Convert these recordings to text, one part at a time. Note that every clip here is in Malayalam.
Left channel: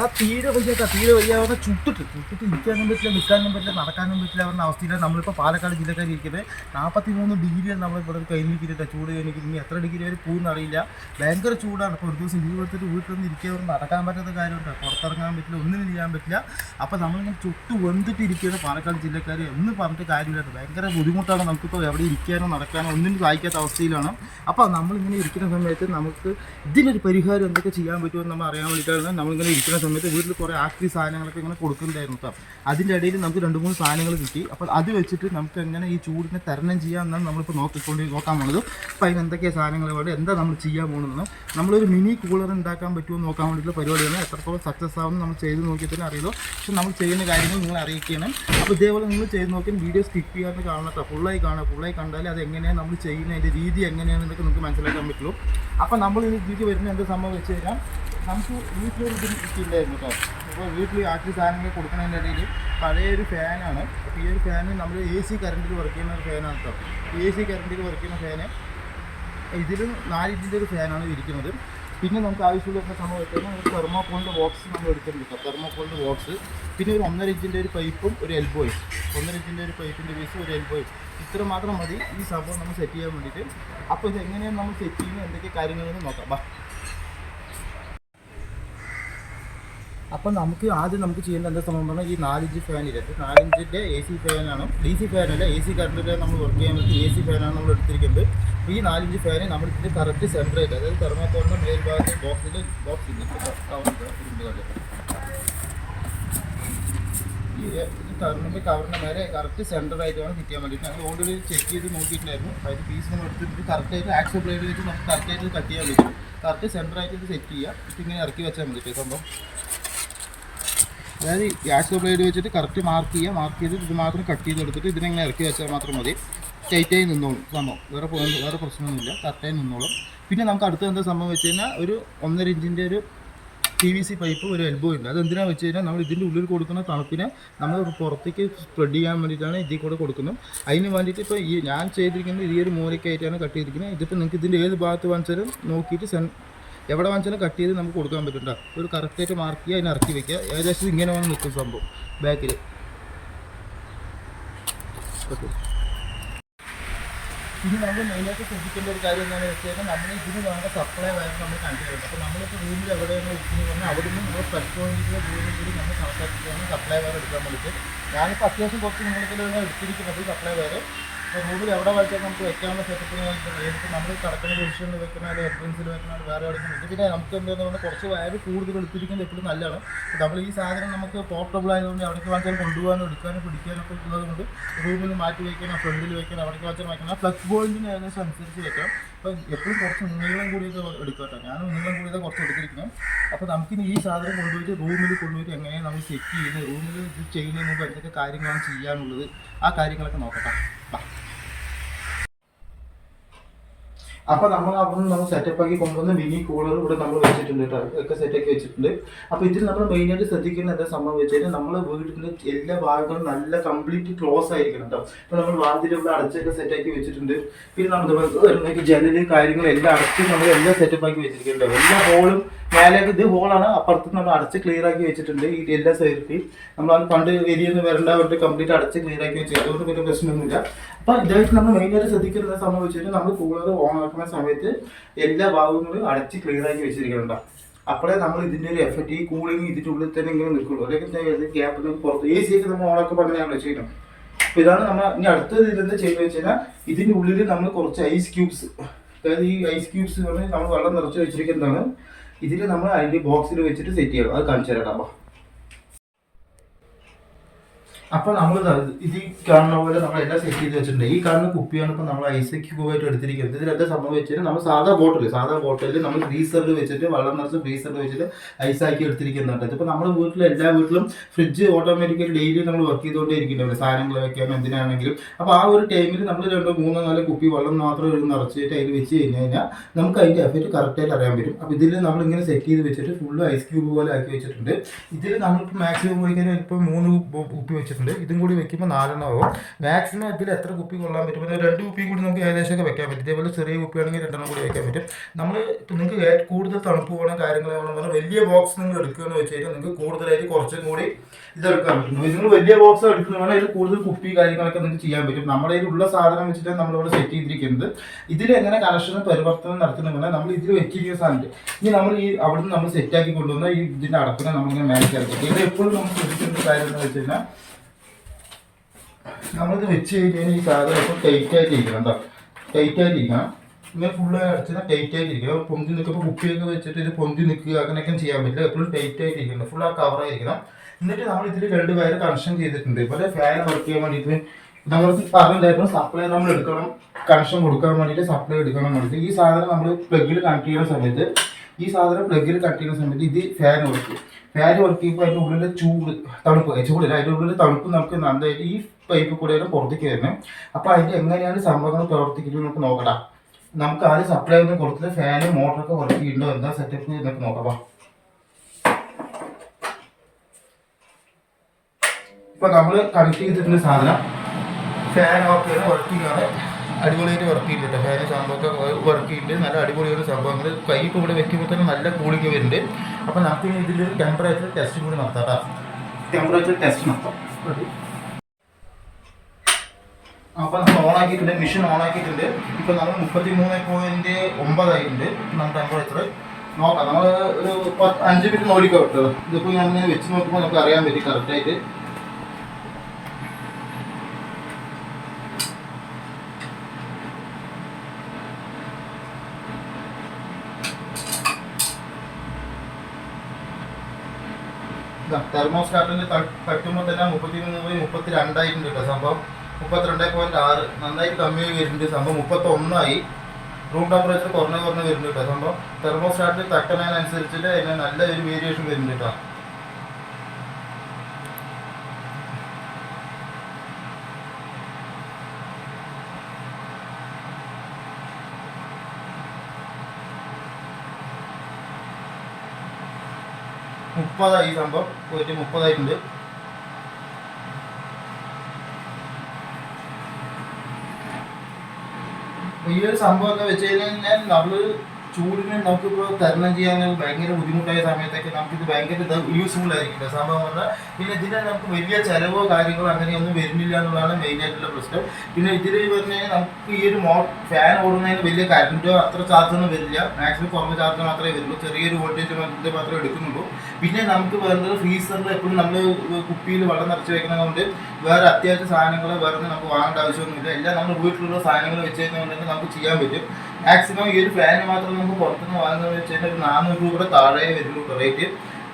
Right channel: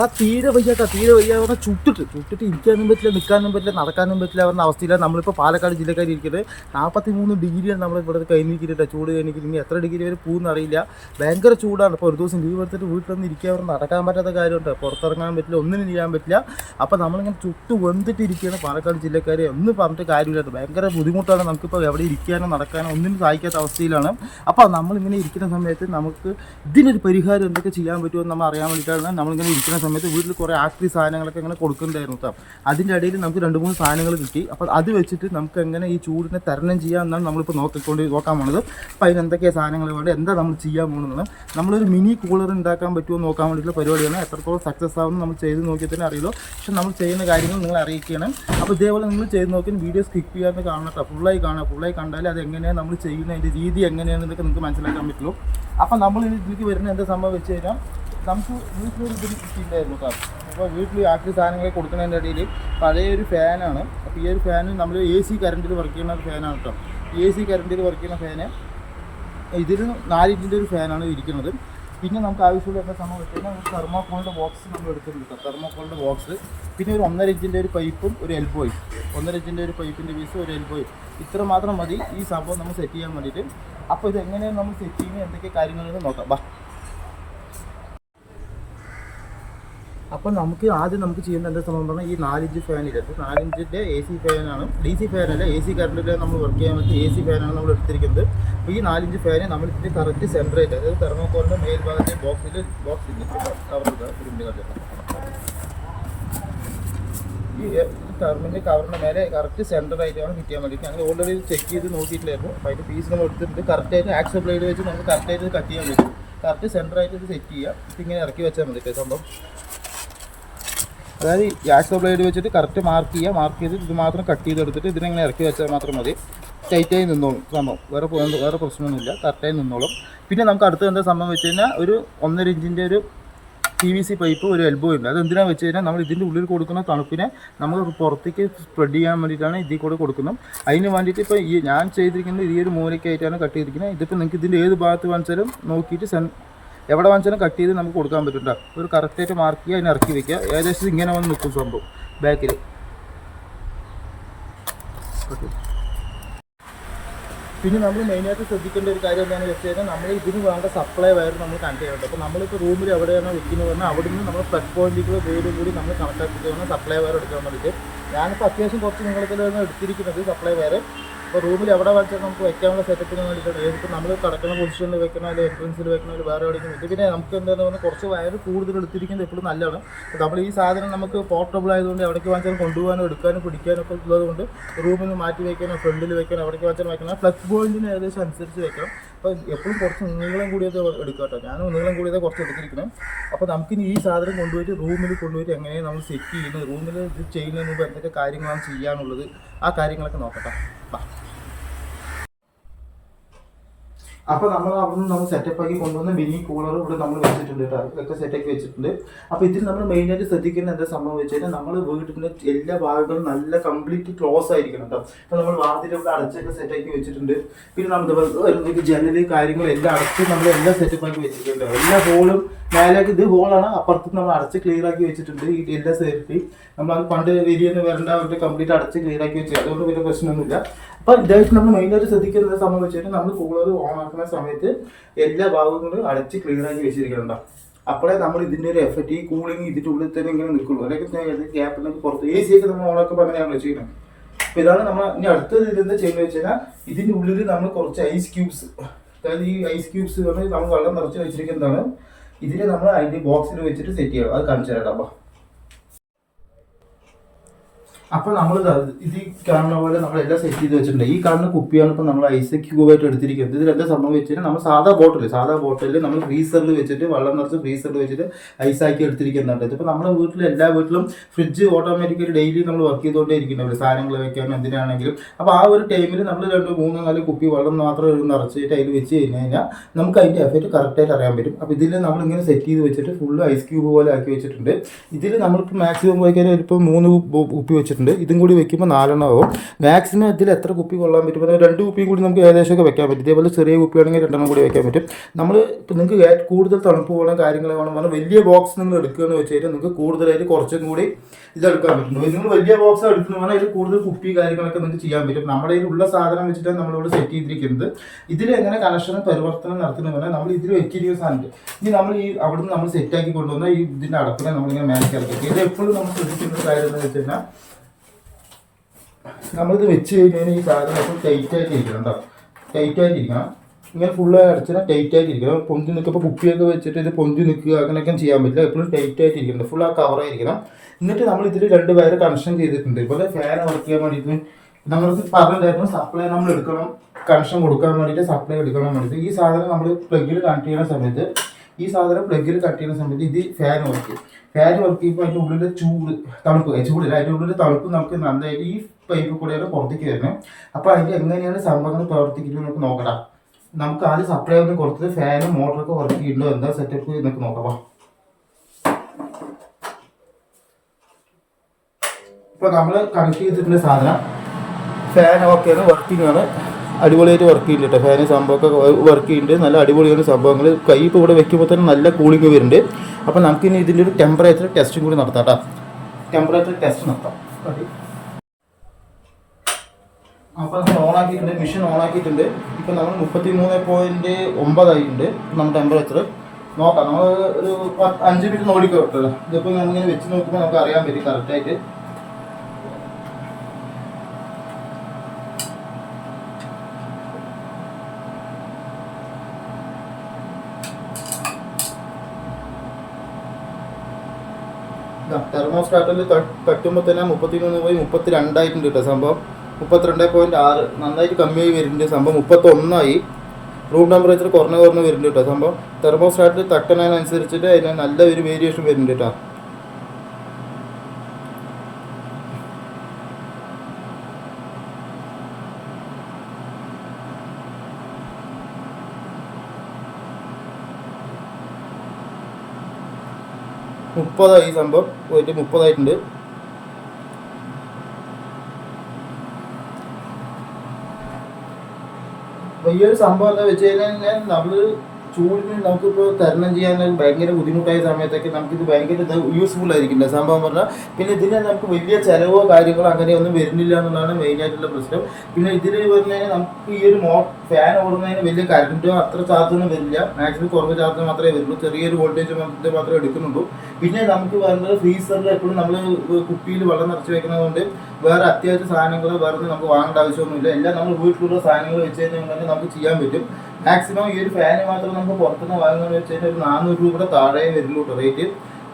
ആ തീരെ വയ്യാട്ടോ തീരെ വയ്യ. പറഞ്ഞാൽ ചുട്ടിട്ട് ചുട്ടിട്ട് ഇരിക്കാനും പറ്റില്ല നിൽക്കാനും പറ്റില്ല നടക്കാനും പറ്റില്ല പറഞ്ഞ അവസ്ഥയില്ല നമ്മളിപ്പോൾ പാലക്കാട് ജില്ലക്കാർ ഇരിക്കുന്നത്. നാൽപ്പത്തി മൂന്ന് ഡിഗ്രിയാണ് നമ്മൾ ഇവിടെ കഴിഞ്ഞിരിക്കുന്നത് ചൂട് കഴിഞ്ഞിരിക്കുന്നത്. എത്ര ഡിഗ്രി വരെ പോകുന്ന അറിയില്ല. ഭയങ്കര ചൂടാണ്. ഇപ്പോൾ ഒരു ദിവസം ലീവ് എടുത്തിട്ട് വീട്ടിൽ നിന്ന് ഇരിക്കുക പറഞ്ഞാൽ നടക്കാൻ പറ്റാത്ത കാര്യമുണ്ട്. പുറത്തിറങ്ങാൻ പറ്റില്ല ഒന്നിനും ചെയ്യാൻ പറ്റില്ല. അപ്പോൾ നമ്മളിങ്ങനെ ചുട്ട് വെന്തിട്ട് ഇരിക്കുകയാണ് പാലക്കാട് ജില്ലക്കാർ ഒന്നും പറഞ്ഞിട്ട് കാര്യമില്ല ഭയങ്കര ബുദ്ധിമുട്ടാണ് നമുക്കിപ്പോൾ എവിടെ ഇരിക്കാനോ നടക്കാനോ ഒന്നിനും സഹായിക്കാത്ത അവസ്ഥയിലാണ്. അപ്പോൾ നമ്മളിങ്ങനെ ഇരിക്കുന്ന സമയത്ത് നമുക്ക് ഇതിനൊരു പരിഹാരം എന്തൊക്കെ ചെയ്യാൻ പറ്റുമെന്ന് നമ്മൾ അറിയാൻ വേണ്ടിയിട്ടാണ് നമ്മളിങ്ങനെ ഇരിക്കുന്ന സമയത്ത് വീട്ടിൽ കുറേ ആക്രി സാധനങ്ങളൊക്കെ ഇങ്ങനെ കൊടുക്കുന്നുണ്ടായിരുന്നു കേട്ടോ. അതിന്റെ ഇടയിൽ നമുക്ക് രണ്ട് മൂന്ന് സാധനങ്ങൾ കിട്ടി. അപ്പോൾ അത് വെച്ചിട്ട് നമുക്ക് എങ്ങനെ ഈ ചൂടിനെ തരണം ചെയ്യാമെന്നാണ് നമ്മളിപ്പോൾ നോക്കിക്കൊണ്ട് നോക്കാൻ പോണത്. അപ്പോൾ അതിന് എന്തൊക്കെയാണ് സാധനങ്ങൾ വേണ്ടത് എന്താ നമ്മൾ ചെയ്യാൻ പോകുന്നത് നമ്മളൊരു മിനി കൂളർ ഉണ്ടാക്കാൻ പറ്റുമോ നോക്കാൻ വേണ്ടിയിട്ടുള്ള പരിപാടിയാണ്. എത്രത്തോളം സക്സസ് ആവുമെന്ന് നമ്മൾ ചെയ്ത് നോക്കി തന്നെ അറിയുള്ളൂ. പക്ഷെ നമ്മൾ ചെയ്യുന്ന കാര്യങ്ങൾ നിങ്ങൾ അറിയിക്കണം അപ്പോൾ ഇതേപോലെ നിങ്ങൾ ചെയ്ത് നോക്കി വീഡിയോ സ്കിപ്പ് ചെയ്യാതെ കാണണം കേട്ടോ. ഫുള്ളായി കാണാം ഫുള്ളായി കണ്ടാൽ അത് എങ്ങനെയാണ് നമ്മൾ ചെയ്യുന്ന അതിന്റെ രീതി എങ്ങനെയാണെന്നൊക്കെ നിങ്ങൾക്ക് മനസ്സിലാക്കാൻ പറ്റുള്ളൂ. അപ്പോൾ നമ്മൾ ഈ രീതി വരുന്ന എന്താ സംഭവം വെച്ച് കഴിഞ്ഞാൽ നമുക്ക് വീട്ടിലൊരു ഇത് കിട്ടിയിട്ടുണ്ടായിരുന്നു സാർ. അപ്പോൾ വീട്ടിൽ ആക്കി സാധനങ്ങൾ കൊടുക്കുന്നതിന്റെ ഇടയിൽ പഴയൊരു ഫാനാണ്. അപ്പോൾ ഈ ഒരു ഫാൻ നമ്മൾ എ സി കറണ്ടിൽ വർക്ക് ചെയ്യുന്ന ഒരു ഫാനാണ് കേട്ടോ. എ സി കറണ്ടിൽ വർക്ക് ചെയ്യുന്ന ഫാന് ഇതിൽ നാലിന്റെ ഒരു ഫാനാണ് ഇരിക്കുന്നത്. പിന്നെ നമുക്ക് ആവശ്യമുള്ള എന്താ സംഭവം വെച്ചാൽ ഒരു തെർമോക്കോളിന്റെ ബോക്സ് നമ്മൾ എടുത്തിട്ടുണ്ട് കേട്ടോ. തെർമോക്കോളിന്റെ ബോക്സ് പിന്നെ ഒരു ഒന്നര ഇഞ്ചിന്റെ ഒരു പൈപ്പും ഒരു എൽബോയും ഒന്നര ഇഞ്ചിന്റെ ഒരു പൈപ്പിന്റെ പീസും ഒരു എൽബോയും ഇത്ര മാത്രം മതി. ഈ സംഭവം നമ്മൾ സെറ്റ് ചെയ്യാൻ വേണ്ടിയിട്ട്. അപ്പോൾ ഇത് എങ്ങനെയാണ് നമ്മൾ സെറ്റ് ചെയ്യുന്നത്? എന്തൊക്കെ കാര്യങ്ങളെന്ന് നോക്കാം. ബാ. അപ്പം നമുക്ക് ആദ്യം നമുക്ക് ചെയ്യേണ്ട എന്താ സംഭവം പറഞ്ഞാൽ ഈ നാലിഞ്ച് ഫാനിലത് നാലിഞ്ചിന്റെ എ സി ഫാനാണ് ഡി സി ഫാനല്ല എ സി കറണ്ടിൽ നമ്മൾ വർക്ക് ചെയ്യാൻ വേണ്ടി എ സി ഫാനാണ് നമ്മൾ എടുത്തിരിക്കുന്നത്. അപ്പോൾ ഈ നാലിഞ്ച് ഫാന് നമ്മൾ ഇതിന്റെ കറക്റ്റ് സെന്ററായിട്ട് അതായത് തെർമോക്കോളിന്റെ മേൽഭാഗത്തെ ബോക്സിൽ ബോക്സ് ഇല്ല? കവർ ഇരുമ്പ് ഈ കവറിന്റെ കവറിന്റെ മേലെ കറക്റ്റ് സെന്ററായിട്ട് വേണം ഫിറ്റ് ചെയ്യാൻ വേണ്ടിയിട്ട് ഞങ്ങൾ ഓൾറെഡി ചെക്ക് ചെയ്ത് നോക്കിയിട്ടുണ്ടായിരുന്നു. അപ്പോൾ അതിന്റെ പീസ് നമ്മൾ എടുത്തിട്ടുണ്ട്. കറക്റ്റായിട്ട് ആക്സ് ബ്ലേഡ് വെച്ച് നമുക്ക് കറക്റ്റായിട്ട് കട്ട് ചെയ്യാൻ പറ്റും. കറക്റ്റ് സെന്ററായിട്ട് ഇത് സെറ്റ് ചെയ്യുക ഇതിങ്ങനെ ഇറക്കി വെച്ചാൽ മതി സംഭവം. അതായത് ഈ ബ്ലേഡ് വെച്ചിട്ട് കറക്റ്റ് മാർക്ക് ചെയ്യുക മാർക്ക് ചെയ്ത് ഇത് മാത്രം കട്ട് ചെയ്തെടുത്തിട്ട് ഇതിനെങ്ങനെ ഇറക്കി വെച്ചാൽ മാത്രം മതി. ടൈറ്റായി നിന്നോളും സംഭവം. വേറെ വേറെ പ്രശ്നമൊന്നുമില്ല. കറക്റ്റായി നിന്നോളും. പിന്നെ നമുക്ക് അടുത്ത എന്താ സംഭവം വെച്ച് കഴിഞ്ഞാൽ ഒരു ഒന്നര ഇഞ്ചിന്റെ ഒരു പി വി സി പൈപ്പ് ഒരു എൽബോ ഉണ്ട്. അത് എന്തിനാണെന്ന് വെച്ച് കഴിഞ്ഞാൽ നമ്മൾ ഇതിന്റെ ഉള്ളിൽ കൊടുക്കുന്ന തണുപ്പിനെ നമ്മൾ പുറത്തേക്ക് സ്പ്രെഡ് ചെയ്യാൻ വേണ്ടിയിട്ടാണ് ഇതിൽ കൂടെ കൊടുക്കുന്നത്. അതിന് വേണ്ടിയിട്ട് ഇപ്പോൾ ഈ ഞാൻ ചെയ്തിരിക്കുന്നത് ഈ ഒരു മൂലയ്ക്കായിട്ടാണ് കട്ട് ചെയ്തിരിക്കുന്നത്. ഇതിപ്പോൾ നിങ്ങൾക്ക് ഇതിന്റെ ഏത് ഭാഗത്ത് വാങ്ങിച്ചാലും നോക്കിയിട്ട് സെൻ എവിടെ വാങ്ങിച്ചാലും കട്ട് ചെയ്ത് നമുക്ക് കൊടുക്കാൻ പറ്റും. ഒരു കറക്റ്റായിട്ട് മാർക്ക് ചെയ്യുക അതിനെ ഇറക്കി വെക്കുക. ഏകദേശം ഇങ്ങനെ വന്ന് നിൽക്കും സംഭവം ബാക്കിൽ പിന്നെ നമ്മൾ മെയിനായിട്ട് ശ്രദ്ധിക്കേണ്ട ഒരു കാര്യം എന്താണെന്ന് വെച്ച് കഴിഞ്ഞാൽ നമ്മൾ ഇതിന് വേണ്ട സപ്ലൈ വയർ നമ്മൾ കണക്ട് ചെയ്യേണ്ടത് അപ്പോൾ നമ്മളിപ്പോൾ റൂമിൽ എവിടെയാണോ വെക്കുന്നത് പറഞ്ഞാൽ അവിടെ നിന്ന് നമ്മൾ പ്ലഗ് പോയിന്റിൽ ദൂരം കൂടി നമ്മൾ കണക്റ്റാക്കിയിട്ട് വേണം സപ്ലൈ വയർ എടുക്കാൻ വേണ്ടിയിട്ട്. ഞാനിപ്പോൾ അത്യാവശ്യം കുറച്ച് നിങ്ങളതിലാണ് എടുത്തിരിക്കുന്നത് സപ്ലൈ വയർ ഇപ്പോൾ റൂമിൽ എവിടെ വെച്ചാൽ നമുക്ക് വെക്കാനുള്ള സെറ്റപ്പിന് വേണ്ടിയിട്ടാണ്. ഏതൊക്കെ നമ്മൾ കിടക്കുന്ന പൊസിഷനിൽ വെക്കണോ അല്ലെങ്കിൽ എൻട്രൻസിൽ വെക്കണോ അല്ലെങ്കിൽ വേറെ എവിടെയെങ്കിലും. ഇത് പിന്നെ നമുക്ക് എന്താണെന്ന് പറഞ്ഞാൽ കുറച്ച് വയർ കൂടുതൽ എടുത്തിരിക്കുന്നത് എപ്പോഴും നല്ലതാണ്. അപ്പോൾ നമ്മൾ ഈ സാധനം നമുക്ക് പോർട്ടബിൾ ആയതുകൊണ്ട് എവിടേക്ക് വാങ്ങിച്ചാലും കൊണ്ടുപോകാനോ എടുക്കാനോ പിടിക്കാനോ ഒക്കെ ഉള്ളതുകൊണ്ട് റൂമിൽ മാറ്റി വെക്കാനോ ഫ്രണ്ടിൽ വെക്കാനോ എവിടേക്ക് വാങ്ങിച്ചാലും വെക്കണം ഫ്ലക്സ് പോയിന്റിന് ഏകദേശം അനുസരിച്ച് വെക്കണം. അപ്പോൾ എപ്പോഴും കുറച്ച് നീളം കൂടിയത് എടുക്കാം കേട്ടോ. ഞാനും നീളം കൂടിയത് കുറച്ച് എടുത്തിരിക്കണം. അപ്പോൾ നമുക്കിനി ഈ സാധനം കൊണ്ടുപോയിട്ട് റൂമിൽ കൊണ്ടുപോയിട്ട് എങ്ങനെയാണ് നമ്മൾ സെറ്റ് ചെയ്യുന്നത്? റൂമിൽ ഇത് ചെയ്യുന്നതിന് മുമ്പ് എന്തൊക്കെ കാര്യങ്ങളാണ് ചെയ്യാനുള്ളത്? ആ കാര്യങ്ങളൊക്കെ നോക്കട്ടെ. ബാ അപ്പോൾ നമ്മൾ അവിടുന്ന് നമ്മൾ സെറ്റപ്പ് ആക്കി കൊണ്ടുവന്ന് മിനി കൂളർ ഇവിടെ നമ്മൾ വെച്ചിട്ടുണ്ട് കേട്ടോ ഒക്കെ സെറ്റാക്കി വെച്ചിട്ടുണ്ട്. അപ്പോൾ ഇതിൽ നമ്മൾ മെയിനായിട്ട് ശ്രദ്ധിക്കേണ്ട എന്താ സംഭവം വെച്ച് കഴിഞ്ഞാൽ നമ്മൾ വീടിന്റെ എല്ലാ ഭാഗങ്ങളും നല്ല കംപ്ലീറ്റ് ക്ലോസ് ആയിരിക്കണം കേട്ടോ അപ്പോൾ നമ്മൾ വാർത്തിട്ട് ഇവിടെ അടച്ചൊക്കെ സെറ്റാക്കി വെച്ചിട്ടുണ്ട്. പിന്നെ നമ്മൾ ജനൽ കാര്യങ്ങൾ എല്ലാം അടച്ച് നമ്മൾ എല്ലാം സെറ്റപ്പ് ആക്കി വെച്ചിട്ടുണ്ട് എല്ലാ ഹോളും മേലേക്ക് ഇത് ഹോളാണ്. അപ്പുറത്ത് നമ്മൾ അടച്ച് ക്ലിയർ ആക്കി വെച്ചിട്ടുണ്ട് ഈ എല്ലാ സൈഡിൽ നമ്മൾ അത് പണ്ട് എരിയെന്ന് വരേണ്ട അവരുടെ കംപ്ലീറ്റ് അടച്ച് ക്ലിയർ ആക്കി വെച്ചു. അതുകൊണ്ട് വലിയ പ്രശ്നമൊന്നുമില്ല. അപ്പോൾ ഇതായിട്ട് നമ്മൾ മെയിനായിട്ട് ശ്രദ്ധിക്കുന്ന സംഭവം വെച്ച് നമ്മൾ കൂളർ ഓൺ ആക്കുന്ന സമയത്ത് എല്ലാ ഭാഗങ്ങളും അടച്ച് ക്ലിയർ ആക്കി വെച്ചിരിക്കണം അപ്പോഴേ നമ്മൾ ഇതിന്റെ ഒരു എഫക്റ്റ് ഈ കൂളിംഗ് ഇതിന്റെ ഉള്ളിൽ തന്നെ ഇങ്ങനെ നിൽക്കുള്ളൂ. അല്ലെങ്കിൽ ഗ്യാപ്പിൽ പുറത്ത് എ സി ഒക്കെ നമ്മൾ ഓണാക്കി പറഞ്ഞാൽ ചെയ്യണം അപ്പൊ ഇതാണ് നമ്മൾ ഇനി അടുത്തത് ഇതെന്താ ചെയ്യുന്നത് വെച്ച് കഴിഞ്ഞാൽ ഇതിന്റെ ഉള്ളിൽ നമ്മൾ കുറച്ച് ഐസ് ക്യൂബ്സ് അതായത് ഈ ഐസ് ക്യൂബ്സ് നമ്മൾ വെള്ളം നിറച്ച് വെച്ചിരിക്കുന്നതാണ്. ഇതിൽ നമ്മൾ അതിന്റെ ബോക്സിൽ വെച്ചിട്ട് സെറ്റ് ചെയ്യണം. അത് കാണിച്ചു തരാം അപ്പൊ നമ്മൾ ഇത് കാണുന്ന പോലെ നമ്മൾ എല്ലാം സെറ്റ് ചെയ്ത് വെച്ചിട്ടുണ്ട്. ഈ കാണുന്ന കുപ്പിയാണ് ഇപ്പൊ നമ്മൾ ഐസ് ക്യൂബായിട്ട് എടുത്തിരിക്കുന്നത്. ഇതിൽ എന്താ സംഭവം വെച്ചാൽ നമ്മൾ സാധാ ബോട്ടിൽ സാധാ ബോട്ടിൽ നമ്മൾ ഫ്രീസറിൽ വെച്ചിട്ട് വെള്ളം നിറച്ച് ഫ്രീസറിൽ വെച്ചിട്ട് ഐസ് ആക്കി എടുത്തിരിക്കുന്നുണ്ട് ഇതിപ്പോൾ നമ്മുടെ വീട്ടിൽ എല്ലാ വീട്ടിലും ഫ്രിഡ്ജ് ഓട്ടോമാറ്റിക്കലി ഡെയിലി നമ്മൾ വർക്ക് ചെയ്തുകൊണ്ടേ ഇരിക്കുന്നുണ്ട്. സാധനങ്ങൾ വെക്കാനും എന്തിനാണെങ്കിലും. അപ്പോൾ ആ ഒരു ടൈമിൽ നമ്മൾ രണ്ട് മൂന്നോ നാല് കുപ്പി വെള്ളം മാത്രം നിറച്ചിട്ട് അതിൽ വെച്ച് കഴിഞ്ഞ് കഴിഞ്ഞാൽ നമുക്ക് അതിന്റെ എഫക്റ്റ് കറക്റ്റായിട്ട് അറിയാൻ പറ്റും. അപ്പോൾ ഇതിൽ നമ്മൾ ഇങ്ങനെ സെറ്റ് ചെയ്ത് വെച്ചിട്ട് ഫുള്ള് ഐസ് ക്യൂബ് പോലെ ആക്കി വെച്ചിട്ടുണ്ട്. ഇതിൽ നമ്മൾക്ക് മാക്സിമം പോയി കഴിഞ്ഞാൽ ഇപ്പോൾ മൂന്ന് കുപ്പി വെച്ചിട്ടുണ്ട്. വെച്ചിട്ടുണ്ട് ഇതും കൂടി വെക്കുമ്പോൾ നാലെണ്ണം ആവും. മാക്സിമം ഇതിൽ എത്ര കുപ്പി കൊള്ളാൻ പറ്റും? പിന്നെ രണ്ട് കുപ്പിയും കൂടി നമുക്ക് ഏകദേശമൊക്കെ വെക്കാൻ പറ്റും. ഇതേപോലെ ചെറിയ കുപ്പി ആണെങ്കിൽ രണ്ടെണ്ണം കൂടി വെക്കാൻ പറ്റും. നമ്മൾ ഇപ്പോൾ നിങ്ങൾക്ക് കൂടുതൽ തണുപ്പ് വേണം കാര്യങ്ങൾ വേണം പറഞ്ഞാൽ വലിയ ബോക്സ് നിങ്ങൾ എടുക്കുകയെന്ന് വെച്ച് കഴിഞ്ഞാൽ നിങ്ങൾക്ക് കൂടുതലായിട്ട് കുറച്ചും കൂടി ഇതെടുക്കാൻ പറ്റും. നിങ്ങൾ വലിയ ബോക്സ് എടുക്കുന്നതാണ് ഇതിൽ കൂടുതൽ കുപ്പി കാര്യങ്ങളൊക്കെ നിങ്ങൾക്ക് ചെയ്യാൻ പറ്റും. നമ്മുടെ കയ്യിലുള്ള സാധനം വെച്ചിട്ടാണ് നമ്മളിവിടെ സെറ്റ് ചെയ്തിരിക്കുന്നത്. ഇതിൽ എങ്ങനെ കണക്ഷനും പരിവർത്തനം നടത്തണമെന്ന് നമ്മൾ ഇതിൽ വെച്ചിരിക്കുന്ന സാധനത്തിൽ. ഇനി നമ്മൾ ഈ അവിടുന്ന് നമ്മൾ സെറ്റ് ആക്കി കൊണ്ടുവന്ന ഈ ഇതിന്റെ അടപ്പിനെ നമ്മളിങ്ങനെ മാനേജ് ഇറക്കി. ഇത് എപ്പോഴും നമുക്ക് ശ്രദ്ധിക്കുന്ന കാര്യം എന്ന് വെച്ച് നമ്മളിത് വെച്ച് കഴിഞ്ഞാൽ ഈ സാധനം ഇപ്പോൾ ടൈറ്റ് ആയിട്ട് ഇരിക്കണം കേട്ടോ ടൈറ്റ് ആയിട്ട് ഇരിക്കണം ഇങ്ങനെ ഫുള്ള് അടച്ചാൽ ടൈറ്റ് ആയിട്ട് ഇരിക്കണം പൊന്തി നിൽക്കുമ്പോൾ കുപ്പിയൊക്കെ വെച്ചിട്ട് ഇത് പൊന്തി നിൽക്കുക അങ്ങനെയൊക്കെ ചെയ്യാൻ പറ്റില്ല. എപ്പോഴും ടൈറ്റ് ആയിട്ട് ഇരിക്കണം ഫുൾ ആ കവർ ആയിരിക്കണം. എന്നിട്ട് നമ്മൾ ഇതിൽ രണ്ട് വയർ കണക്ഷൻ ചെയ്തിട്ടുണ്ട്. ഇതുപോലെ ഫാൻ വർക്ക് ചെയ്യാൻ വേണ്ടിയിട്ട് നമ്മൾക്ക് പറഞ്ഞിട്ടുണ്ടായിരുന്നു സപ്ലൈ നമ്മൾ എടുക്കണം. കണക്ഷൻ കൊടുക്കാൻ വേണ്ടിയിട്ട് സപ്ലൈ എടുക്കണം വേണ്ടിയിട്ട് ഈ സാധനം നമ്മൾ പ്ലഗിൽ കണക്ട് ചെയ്യുന്ന സമയത്ത് ഈ സാധനം പ്ലഗിൽ കട്ട് ചെയ്യുന്ന സമയത്ത് ഇത് ഫാൻ വർക്ക് ഫാൻ വർക്ക് ചെയ്യുമ്പോൾ അതിന്റെ ഉള്ളിൽ ചൂട് തണുപ്പ് ചൂടില്ല അതിന്റെ ഉള്ളിൽ തണുപ്പ് നമുക്ക് നന്നായിട്ട് ഈ പൈപ്പ് കൂടെയാണ് പുറത്തേക്ക് വരണം. അപ്പോൾ അതിന്റെ എങ്ങനെയാണ് സംഭവങ്ങൾ പ്രവർത്തിക്കുന്നത് നമുക്ക് നോക്കടാം. നമുക്ക് ആദ്യം സപ്ലൈ ഒന്ന് കൊടുത്തത് ഫാനും മോട്ടറൊക്കെ വർക്ക് ചെയ്യുന്നുണ്ടോ? എന്താ സെറ്റപ്പ് എന്നൊക്കെ നോക്കാം ഇപ്പോൾ നമ്മൾ കണക്ട് ചെയ്തിരുന്ന സാധനം ഫാൻ ഓക്കെയാണ് വർക്കിംഗ് ആണ്. അടിപൊളിയായിട്ട് വർക്ക് ചെയ്യുന്നുണ്ട് ഫാന് സംഭവമൊക്കെ വർക്ക് ചെയ്യുന്നുണ്ട് നല്ല അടിപൊളിയാണ് സംഭവങ്ങൾ കൈയിട്ട് കൂടെ വെക്കുമ്പോൾ തന്നെ നല്ല കൂളിംഗ് വരുന്നുണ്ട്. അപ്പോൾ നമുക്കിനി ഇതിലൊരു ടെമ്പറേച്ചർ ടെസ്റ്റും കൂടി നടത്താം ടെമ്പറേച്ചർ ടെസ്റ്റ് നടത്താം. അപ്പോൾ നമ്മൾ ഓൺ ആക്കിയിട്ടുണ്ട്. മെഷീൻ ഓൺ ആക്കിയിട്ടുണ്ട്. ഇപ്പോൾ നമ്മൾ മുപ്പത്തി മൂന്ന് പോയിന്റ് ഒമ്പതായിട്ടുണ്ട് നമ്മുടെ ടെമ്പറേച്ചർ നോക്കാം. നമ്മൾ ഒരു അഞ്ച് മിനിറ്റ് നോടിക്കോട്ടോ ഇതിപ്പോൾ നമ്മളിങ്ങനെ വെച്ച് നോക്കുമ്പോൾ നമുക്ക് അറിയാൻ പറ്റും കറക്റ്റായിട്ട് തെർമോസ്റ്റാറ്റിൽ തട്ടുമ്പോൾ തന്നെ മുപ്പത്തി മൂന്ന് പോയി മുപ്പത്തി രണ്ടായിട്ടുണ്ട് കേട്ടോ സംഭവം. മുപ്പത്തിരണ്ട് പോയിന്റ് ആറ് നന്നായിട്ട് കമ്മിയായി വരുന്നുണ്ട് സംഭവം. മുപ്പത്തി ഒന്നായി റൂം ടെമ്പറേച്ചർ കുറഞ്ഞ കുറഞ്ഞ് വരുന്നുണ്ട് കേട്ടോ സംഭവം. തെർമോസ്റ്റാറ്റിൽ തട്ടുന്നതിനനുസരിച്ചിട്ട് അതിന് നല്ല ഒരു വേരിയേഷൻ വരുന്നുണ്ട് കേട്ടോ മുപ്പതായി സംഭവം. പോയിട്ട് മുപ്പതായിട്ടുണ്ട്. അപ്പൊ ഈ ഒരു സംഭവം എന്ന് വെച്ച് കഴിഞ്ഞാൽ നമ്മൾ ചൂടിന് നമുക്കിപ്പോൾ തരണം ചെയ്യാൻ ഭയങ്കര ബുദ്ധിമുട്ടായ സമയത്തൊക്കെ നമുക്കിത് ഭയങ്കര യൂസ്ഫുൾ ആയിരിക്കും ട്ടോ. സംഭവം പറഞ്ഞാൽ പിന്നെ ഇതിന് നമുക്ക് വലിയ ചിലവോ കാര്യങ്ങളോ അങ്ങനെയൊന്നും വരുന്നില്ല എന്നുള്ളതാണ് മെയിൻ ആയിട്ടുള്ള പ്രശ്നം. പിന്നെ ഇതിൽ പറഞ്ഞു കഴിഞ്ഞാൽ നമുക്ക് ഈ ഒരു മോ ഫാൻ ഓടുന്നതിന് വലിയ കറണ്ടോ അത്ര ചാർജ് ഒന്നും വരില്ല. മാക്സിമം കുറവ് ചാർജ് മാത്രമേ വരുള്ളൂ. ചെറിയൊരു വോൾട്ടേജ് മാത്രമേ എടുക്കുന്നുള്ളൂ. പിന്നെ നമുക്ക് വേണ്ടത് ഫ്രീസറിൽ എപ്പോഴും നമ്മൾ കുപ്പിയിൽ വെള്ളം നിറച്ച് വെക്കുന്നതുകൊണ്ട് വേറെ അത്യാവശ്യ സാധനങ്ങൾ വേറെ നമുക്ക് വാങ്ങേണ്ട ആവശ്യമൊന്നുമില്ല. എല്ലാം നമ്മൾ വീട്ടിലുള്ള സാധനങ്ങൾ വെച്ച് കഴിഞ്ഞാൽ നമുക്ക് ചെയ്യാൻ പറ്റും. മാക്സിമം ഈ ഒരു ഫാന് മാത്രം നമുക്ക് പുറത്തുനിന്ന് വാങ്ങുന്നത് വെച്ച് കഴിഞ്ഞാൽ ഒരു നാനൂറ് രൂപയുടെ താഴെ വരുള്ളൂ റേറ്റ്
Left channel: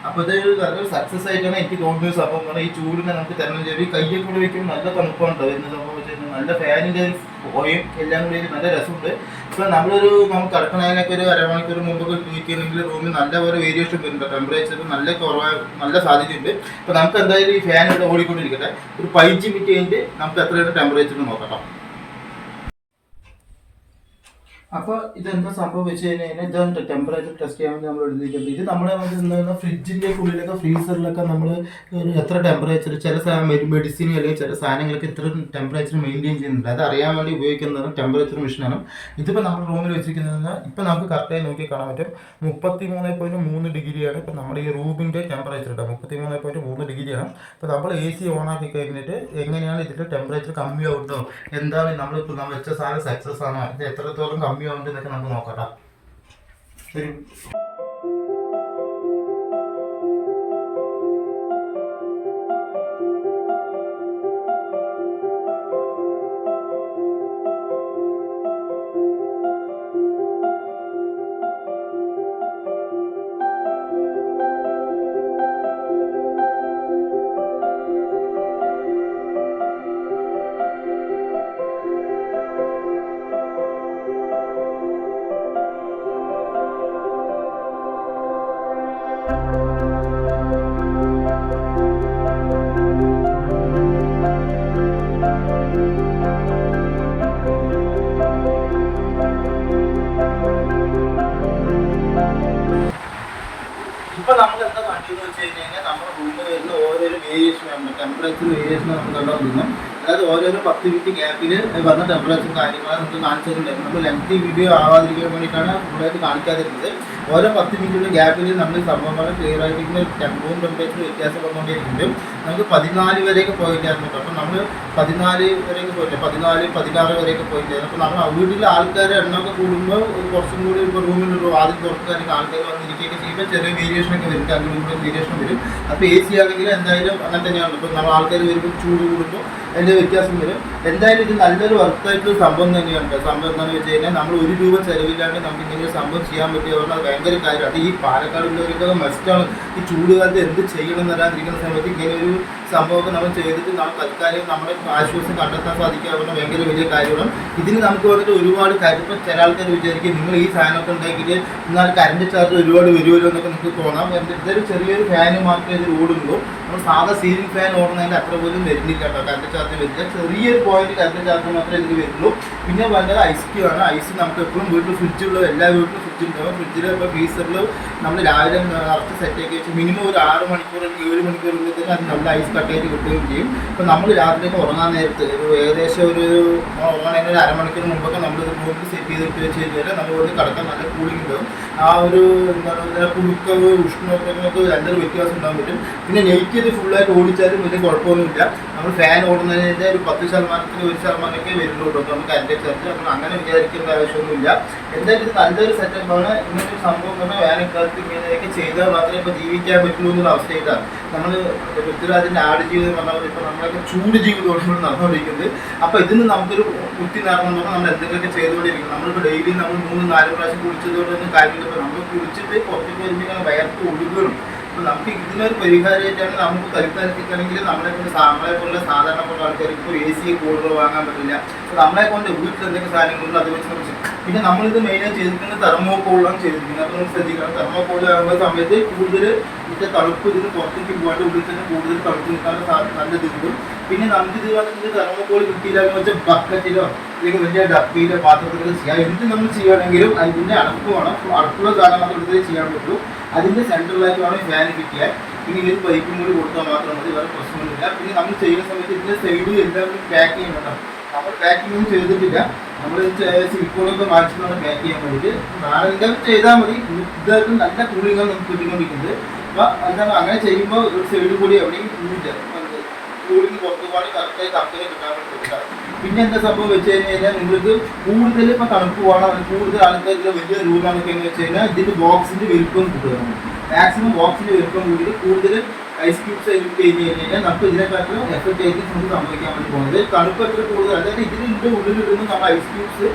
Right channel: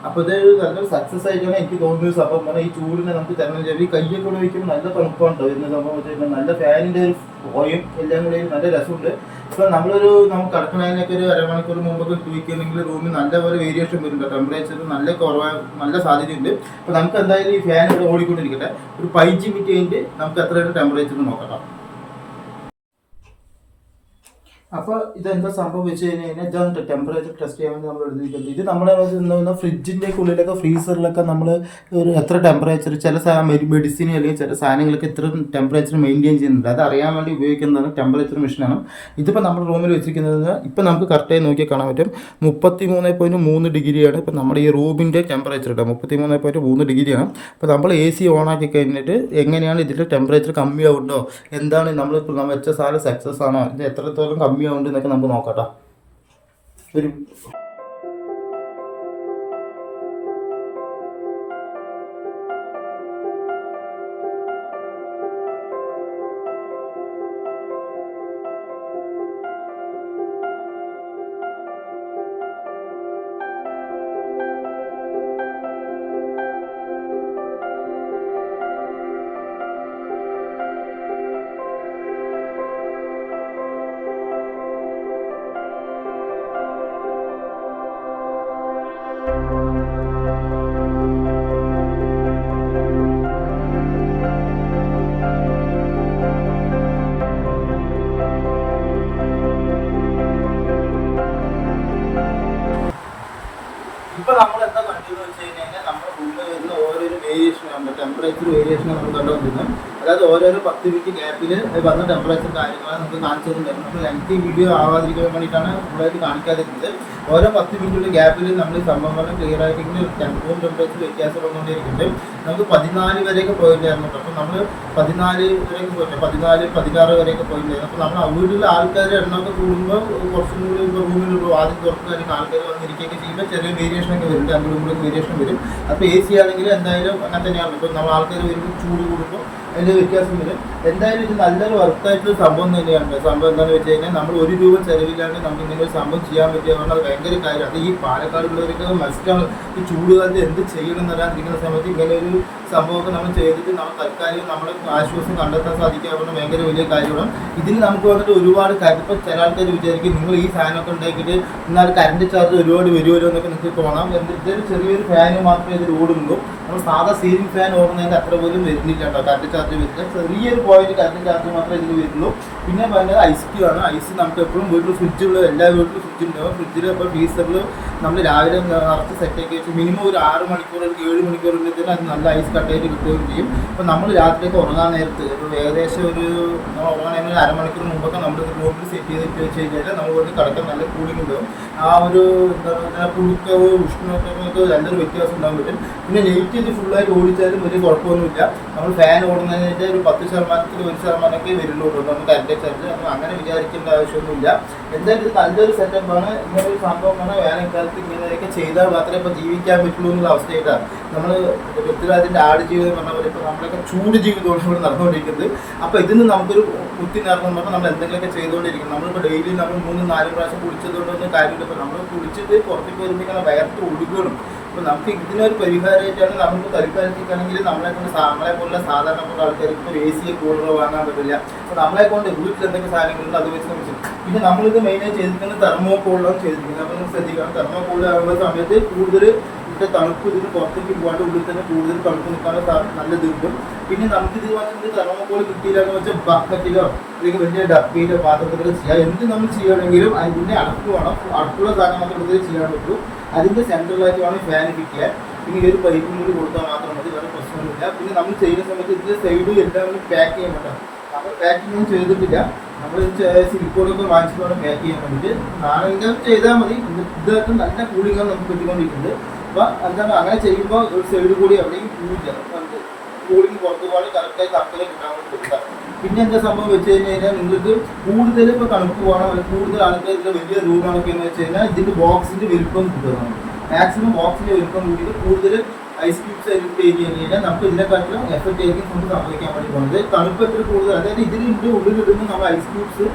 അപ്പോൾ ഇത് നല്ലൊരു സക്സസ് ആയിട്ടാണ് എനിക്ക് തോന്നിയത് സംഭവം. പറഞ്ഞാൽ ഈ ചൂടിനെ നമുക്ക് തരണം ചെയ്യാം. ഈ കയ്യെ കൂടെ വയ്ക്കുമ്പോൾ നല്ല തണുപ്പുണ്ടോ വരുന്ന സംഭവം വെച്ച് കഴിഞ്ഞാൽ നല്ല ഫാനിന്റെ ഒരു ഓയും എല്ലാം കൂടി നല്ല രസമുണ്ട്. ഇപ്പോൾ നമ്മളൊരു നമുക്ക് കടക്കണതിനൊക്കെ ഒരു അരമണിക്കൂർ മുമ്പൊക്കെ ചോദിക്കുകയാണെങ്കിൽ റൂമിൽ നല്ല പോലെ വേരിയേഷൻ വരുന്നുണ്ട് ടെമ്പറേച്ചർ നല്ല കുറവ് നല്ല സാധ്യതയുണ്ട്. അപ്പോൾ നമുക്ക് എന്തായാലും ഈ ഫാൻ ഇവിടെ ഓടിക്കൊണ്ടിരിക്കട്ടെ. ഒരു പൈജി മിറ്റ് കഴിഞ്ഞിട്ട് നമുക്ക് എത്രയാണ് ടെമ്പറേച്ചർ നോക്കാം അപ്പോൾ ഇതെന്താ സംഭവം വെച്ച് കഴിഞ്ഞ് കഴിഞ്ഞാൽ ഇതാണ് ടെമ്പറേച്ചർ ടെസ്റ്റ് ചെയ്യാൻ വേണ്ടി നമ്മൾ എഴുതിയിട്ടുണ്ട് ഇത് നമ്മുടെ എന്താ ഫ്രിഡ്ജിന്റെ ഉള്ളിലൊക്കെ ഫ്രീസറിലൊക്കെ നമ്മൾ എത്ര ടെമ്പറേച്ചർ ചില മെഡിസിൻ അല്ലെങ്കിൽ ചില സാധനങ്ങൾക്ക് ഇത്ര ടെമ്പറേച്ചർ മെയിന്റെയിൻ ചെയ്യുന്നുണ്ട്. അത് അറിയാൻ വേണ്ടി ഉപയോഗിക്കുന്നത് ടെമ്പറേച്ചർ മെഷീനാണ് ഇതിപ്പോൾ നമ്മൾ റൂമിൽ വെച്ചിരിക്കുന്നത് ഇപ്പോൾ നമുക്ക് കറക്റ്റായി നോക്കി കാണാൻ പറ്റും. മുപ്പത്തി മൂന്ന് പോയിന്റ് മൂന്ന് ഡിഗ്രിയാണ് ഇപ്പോൾ നമ്മുടെ ഈ റൂമിന്റെ ടെമ്പറേച്ചർ കേട്ടോ മുപ്പത്തി മൂന്ന് പോയിന്റ് മൂന്ന് ഡിഗ്രിയാണ്. അപ്പോൾ നമ്മൾ എ സി ഓൺ ആക്കി കഴിഞ്ഞിട്ട് എങ്ങനെയാണ് ഇതിന്റെ ടെമ്പറേച്ചർ കമ്മിയാവുണ്ടോ എന്താണ് നമ്മൾ വെച്ച സാധനം സക്സസ് ആണോ? ഇത് എത്രത്തോളം കമ്മിയാവുന്നുണ്ട് എന്നൊക്കെ നമുക്ക് നോക്കട്ടോ. ഒരു ഇപ്പൊ നമ്മൾ എന്താ കണ്ടെന്ന് വെച്ച് കഴിഞ്ഞാൽ നമ്മുടെ റൂമിൽ വരുന്ന ഓരോരോ വേരിയേഷൻ ടെമ്പറേച്ചർ വേരിയേഷൻ നമുക്ക് നമ്മൾ വരുന്നു അതായത് ഓരോരോ പത്ത് മിനിറ്റ് ഗ്യാപ്പിൽ വന്ന ടെമ്പറേച്ചർ കാര്യങ്ങൾ നമുക്ക് കാണിച്ചിട്ടുണ്ട് നമുക്ക് ലെങ്തി വീഡിയോ ആവാതിരിക്കാൻ വേണ്ടിയിട്ടാണ് നമ്മളത് കാണിക്കാതിരുന്നത്. ഓരോ പത്ത് മിനിറ്റ് ഗ്യാപ്പിൽ നമ്മൾ സംഭവങ്ങൾ ക്ലിയർ ആയിട്ടിരിക്കുന്ന ടെമ്പറും ടെമ്പറേച്ചർ വ്യത്യാസം വന്നുകൊണ്ടിരിക്കുന്നുണ്ട് നമുക്ക് പതിനാല് വരെയൊക്കെ പോയിട്ടായിരുന്നു അപ്പം നമ്മൾ പതിനാല് വരെയൊക്കെ പോയിട്ട് പതിനാല് പതിനാറ് വരെയൊക്കെ പോയിട്ടായിരുന്നു അപ്പോൾ നമ്മൾ വീട്ടിലെ ആൾക്കാരുടെ എണ്ണമൊക്കെ കൂടുമ്പോൾ കുറച്ചും കൂടി ഇപ്പോൾ റൂമിൽ ആദ്യം തുറക്കുകയാണെങ്കിൽ ആൾക്കാർ വന്നിരിക്കുകയൊക്കെ ചെയ്യുമ്പോൾ ചെറിയ വേരിയേഷൻ ഒക്കെ വരും. അതിലൂടെ വേരിയേഷൻ വരും. അപ്പോൾ എ സി ആണെങ്കിൽ എന്തായാലും അങ്ങനെ തന്നെയാണ്. ഇപ്പോൾ നമ്മൾ ആൾക്കാർ വരുമ്പോൾ ചൂട് കൂടുമ്പോൾ അതിന്റെ വ്യത്യാസം വരും. എന്തായാലും ഇത് നല്ലൊരു വർത്തായിട്ടുള്ള സംഭവം തന്നെയാണ് സംഭവം എന്താണെന്ന് വെച്ച് കഴിഞ്ഞാൽ നമ്മൾ ഒരു രൂപ ചെലവില്ലാണ്ട് നമുക്ക് ഇങ്ങനെ ഒരു സംഭവം ചെയ്യാൻ പറ്റിയ പറഞ്ഞാൽ അത് ഭയങ്കര കാര്യം. അത് ഈ പാലക്കാട് ഉള്ളവർക്ക് മസ്റ്റാണ് ഈ ചൂട് കാലത്ത് എന്ത് ചെയ്യണം എന്ന് വരാതിരിക്കുന്ന സമയത്ത് ഇങ്ങനെ ഒരു സംഭവമൊക്കെ നമ്മൾ ചെയ്തിട്ട് നമ്മൾ തൽക്കാലം നമ്മുടെ ആശ്വാസം കണ്ടെത്താൻ സാധിക്കാവുന്ന ഭയങ്കര വലിയ കാര്യമാണ്. ഇതിന് നമുക്ക് വേണ്ടിയിട്ട് ഒരുപാട് കാര്യം ഇപ്പോൾ ചില ആൾക്കാർ വിചാരിക്കും നിങ്ങൾ ഈ സാധനമൊക്കെ ഉണ്ടാക്കിയിട്ട് എന്നാൽ കറണ്ട് ചാർജ് ഒരുപാട് വരുമല്ലോ എന്നൊക്കെ നിങ്ങൾക്ക് തോന്നാം. ഇതൊരു ചെറിയൊരു ഫാന് മാത്രമേ ഇതിൽ ഓടുന്നുള്ളൂ നമ്മൾ സാധാ സീലിംഗ് ഫാൻ ഓടുന്നതിന്റെ അത്ര പോലും വരുന്നില്ല കേട്ടോ. കറണ്ട് ചാർജ് വരില്ല ചെറിയൊരു പോയിന്റ് കറണ്ട് ചാർജ് മാത്രമേ എനിക്ക് വരുള്ളൂ പിന്നെ വേണ്ടത് ഐസ് ക്യൂ ആണ്. ഐസ് നമുക്ക് എപ്പോഴും വീട്ടിൽ ഫ്രിഡ്ജുള്ള എല്ലാ വീട്ടിലും ഫ്രിഡ്ജ് ഉണ്ടാവും ഫ്രിഡ്ജിൽ ഇപ്പോൾ ഫ്രീസറിൽ നമ്മൾ രാവിലെ നിറച്ച് സെറ്റാക്കി വെച്ച് മിനിമം ഒരു ആറ് മണിക്കൂർ അല്ലെങ്കിൽ ഏഴ് മണിക്കൂർ തന്നെ അത് നല്ല ഐസ് കട്ടയായിട്ട് കിട്ടുകയും ചെയ്യും. അപ്പോൾ നമ്മൾ രാത്രിയൊക്കെ ഉറങ്ങാൻ നേരത്ത് ഒരു ഏകദേശം ഒരു ഉറങ്ങാൻ അരമണിക്കൂർ മുമ്പൊക്കെ നമ്മൾ ഇത് റൂമിൽ സെറ്റ് ചെയ്തിട്ട് വെച്ച് കഴിഞ്ഞാൽ നമ്മൾ വന്ന് കിടക്കാൻ നല്ല കൂളിംഗ് ഉണ്ടാവും. ആ ഒരു എന്താ പറയുക പുഴുക്കവ് ഉഷ്ണമൊക്കെ രണ്ടൊരു വ്യത്യാസം ഉണ്ടാകാൻ പറ്റും. പിന്നെ നെയ്റ്റ് ഇത് ഫുള്ളായിട്ട് ഓടിച്ചാലും വലിയ കുഴപ്പമൊന്നുമില്ല. നമ്മൾ ഫാൻ ഓടുന്നതിന്റെ ഒരു പത്ത് ശതമാനത്തിൽ ഒരു ശതമാനമൊക്കെ വരുള്ളൂ നമുക്ക് ചർച്ച അപ്പം അങ്ങനെ വിചാരിക്കേണ്ട ആവശ്യമൊന്നുമില്ല. എന്തായാലും ഇത് നല്ലൊരു സെറ്റപ്പാണ് ഇങ്ങനെ ഒരു സംഭവം പറഞ്ഞാൽ വേനൽക്കാലത്ത് ഇങ്ങനെയൊക്കെ ചെയ്താൽ മാത്രമേ ഇപ്പോൾ ജീവിക്കാൻ പറ്റുള്ളൂ എന്നുള്ള അവസ്ഥയൊക്കെയാണ് നമ്മൾ പൃഥ്വിരാജിന്റെ ആട് ജീവിതം പറഞ്ഞ പോലെ ഇപ്പോൾ നമ്മളൊക്കെ ചൂട് ജീവിതമാണ് ഇവിടെ നടന്നുകൊണ്ടിരിക്കുന്നത്. അപ്പോൾ ഇതിന് നമുക്കൊരു കുട്ടി നടന്നു നമ്മൾ എന്തെങ്കിലുമൊക്കെ ചെയ്തുകൊണ്ടിരിക്കും നമ്മളിപ്പോൾ ഡെയിലി നമ്മൾ മൂന്ന് നാല് പ്രാവശ്യം കുടിച്ചതുകൊണ്ടൊന്നും കാര്യമില്ല. നമ്മൾ കുടിച്ചിട്ട് പുറത്തേക്ക് വരുമ്പോൾ വയർത്ത് ഒഴുകണം അപ്പോൾ നമുക്ക് ഇതിനൊരു പരിഹാരമായിട്ടാണ് നമുക്ക് പരിപാലിപ്പിക്കണമെങ്കിൽ നമ്മളെ കൊണ്ട് നമ്മളെ പോലുള്ള സാധാരണപ്പെട്ട ആൾക്കാർക്ക് ഇപ്പോൾ എ സി കൂടുതൽ വാങ്ങാൻ പറ്റില്ല. അപ്പോൾ നമ്മളെ കൊണ്ട് വീട്ടിൽ എന്തെങ്കിലും സാധനങ്ങളുണ്ട് അത് വെച്ച് നമുക്ക് പിന്നെ നമ്മളിത് മെയിനായി ചെയ്തിരിക്കുന്നത് തെർമോക്കോളാണ് ചെയ്തിരിക്കുന്നത്. അപ്പോൾ നമുക്ക് ശ്രദ്ധിക്കണം. തെർമോക്കോൾ ആകുന്ന സമയത്ത് കൂടുതൽ ഇതിന്റെ തണുപ്പ് ഇതിന് പുറത്തേക്ക് പോകാണ്ട് ഉള്ളിൽ തന്നെ കൂടുതൽ തണുപ്പ് നിൽക്കാനുള്ള നല്ലത് കിട്ടും. പിന്നെ നമുക്കിത് വന്നിട്ട് തെർമോക്കോൾ കിട്ടിയില്ലാന്ന് വെച്ചാൽ ബക്കറ്റിലോ അല്ലെങ്കിൽ വലിയ ഡപ്പിയിലോ പാത്രത്തിലോ ചെയ്യാം. എന്ത് നമ്മൾ ചെയ്യുകയാണെങ്കിലും അതിന്റെ അടപ്പ് വേണം. അടപ്പുള്ള സാധനം മാത്രം എടുത്തേ ചെയ്യാൻ പറ്റൂ. അതിന്റെ സെൻട്രലായിട്ട് വേണം ഫാൻ കിട്ടിയത് ഇനി ഒരു പൈപ്പും കൂടി കൊടുത്താൽ മാത്രം മതി വേറെ പ്രശ്നമൊന്നുമില്ല. പിന്നെ നമ്മൾ ചെയ്യുന്ന സമയത്ത് ഇതിന്റെ സൈഡിൽ എല്ലാം പാക്ക് ചെയ്യണം നമ്മൾ പാക്കിംഗ് ഒന്നും ചെയ്തിട്ടില്ല. നമ്മൾ സിലിക്കോണൊക്കെ വാങ്ങിച്ചിട്ടാണ് പാക്ക് ചെയ്യാൻ വേണ്ടിയിട്ട്. നാളെ ചെയ്താൽ മതി. ഇതൊക്കെ നല്ല കൂളിങ്ങാണ് നമുക്ക് കിട്ടിക്കൊണ്ടിരിക്കുന്നത്. അപ്പോൾ എന്താണ് അങ്ങനെ ചെയ്യുമ്പോൾ ഒരു സൈഡ് കൂടി എവിടെയും കൂളിങ് പുറത്തു കറക്റ്റായി കമ്പനി കിട്ടാൻ വേണ്ടി കൊടുക്കാം പിന്നെ എന്താ സംഭവം വെച്ച് കഴിഞ്ഞ് കഴിഞ്ഞാൽ നിങ്ങൾക്ക് കൂടുതൽ ഇപ്പോൾ തണുപ്പ് പോകണം കൂടുതൽ ആൾക്കാർക്ക് വലിയ റൂമാണൊക്കെ എന്ന് വെച്ച് കഴിഞ്ഞാൽ ഇതിന്റെ ബോക്സിന്റെ വലുപ്പം കിട്ടുന്നതാണ് മാക്സിമം ബോക്സിന്റെ വലുപ്പം കൂടി കൂടുതൽ ഐസ് ക്യൂബ്സ് അതിൽ കഴിഞ്ഞ് കഴിഞ്ഞാൽ നമുക്ക് ഇതിനെക്കാട്ടിലും എഫക്ട് ചെയ്ത് നമുക്ക് സംഭവിക്കാൻ വേണ്ടി പോകുന്നത്. തണുപ്പ് എത്ര കൂടുതൽ അതായത് ഉള്ളിൽ ഉള്ളിലിടുന്ന നമ്മൾ ഐസ് ക്യൂബ്സ്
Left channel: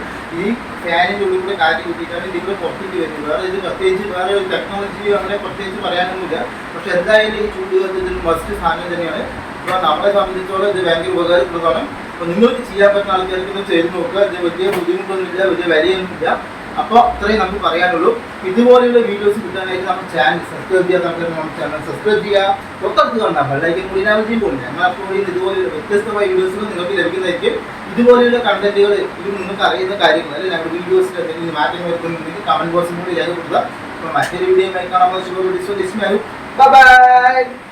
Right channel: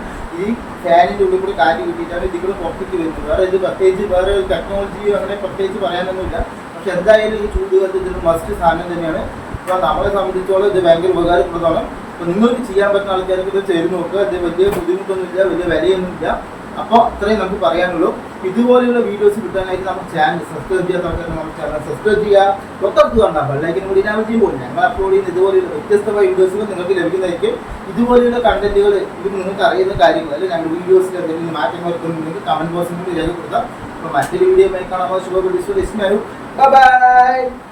ഈ ഫാനിന്റെ ഉള്ളിൽ കൂടെ കാറ്റ് കിട്ടിയിട്ടാണ് ഇതിൽ കൂടെ പുറത്തേക്ക് വരുന്നത്. വേറെ ഇത് പ്രത്യേകിച്ച് വേറെ ഒരു ടെക്നോളജി അങ്ങനെ പ്രത്യേകിച്ച് പറയാനൊന്നുമില്ല. പക്ഷെ എന്തായാലും ഈ ചൂട് കാലത്ത് ഇതിന് മസ്റ്റ് സാധനം തന്നെയാണ്. അപ്പോൾ നമ്മളെ സംബന്ധിച്ചോളം ഇത് ഭയങ്കര ഉപകാരപ്രദമാണ്. അപ്പോൾ നിങ്ങൾക്ക് ചെയ്യാൻ പറ്റുന്ന ആൾക്കാർക്ക് ഇത് ചെയ്ത് നോക്കുക. ഇത് വലിയ ബുദ്ധിമുട്ടൊന്നുമില്ല വലിയ വിലയൊന്നുമില്ല. അപ്പോൾ അത്രയും നമുക്ക് പറയാനുള്ളൂ. ഇതുപോലെയുള്ള വീഡിയോസ് കിട്ടാനായിട്ട് നമ്മുടെ ചാനൽ സബ്സ്ക്രൈബ് ചെയ്യാൻ നമുക്ക് ചാനൽ സബ്സ്ക്രൈബ് ചെയ്യുക. തൊട്ടടുത്ത് കണ്ടാൽ ബെല്ലൈക്കൻ കൂടി ഞാൻ ചെയ്യുമ്പോൾ നമ്മൾ അപ്ലോഡ് ഇതുപോലെയുള്ള വ്യത്യസ്തമായ വീഡിയോസുകൾ നിങ്ങൾക്ക് ലഭിക്കുന്നതായിരിക്കും. ഇതുപോലെയുള്ള കണ്ടന്റുകൾ ഇത് നിങ്ങൾക്ക് അറിയുന്ന കാര്യങ്ങൾ അല്ലെങ്കിൽ നമ്മുടെ വീഡിയോസിൽ എന്തെങ്കിലും മാറ്റങ്ങൾ വരുത്തുന്നുണ്ടെങ്കിൽ കമന്റ് ബോക്സിൽ കൂടി രേഖപ്പെടുത്താം. അപ്പോൾ മറ്റൊരു വീഡിയോ കാണാൻ ബൈ ബൈ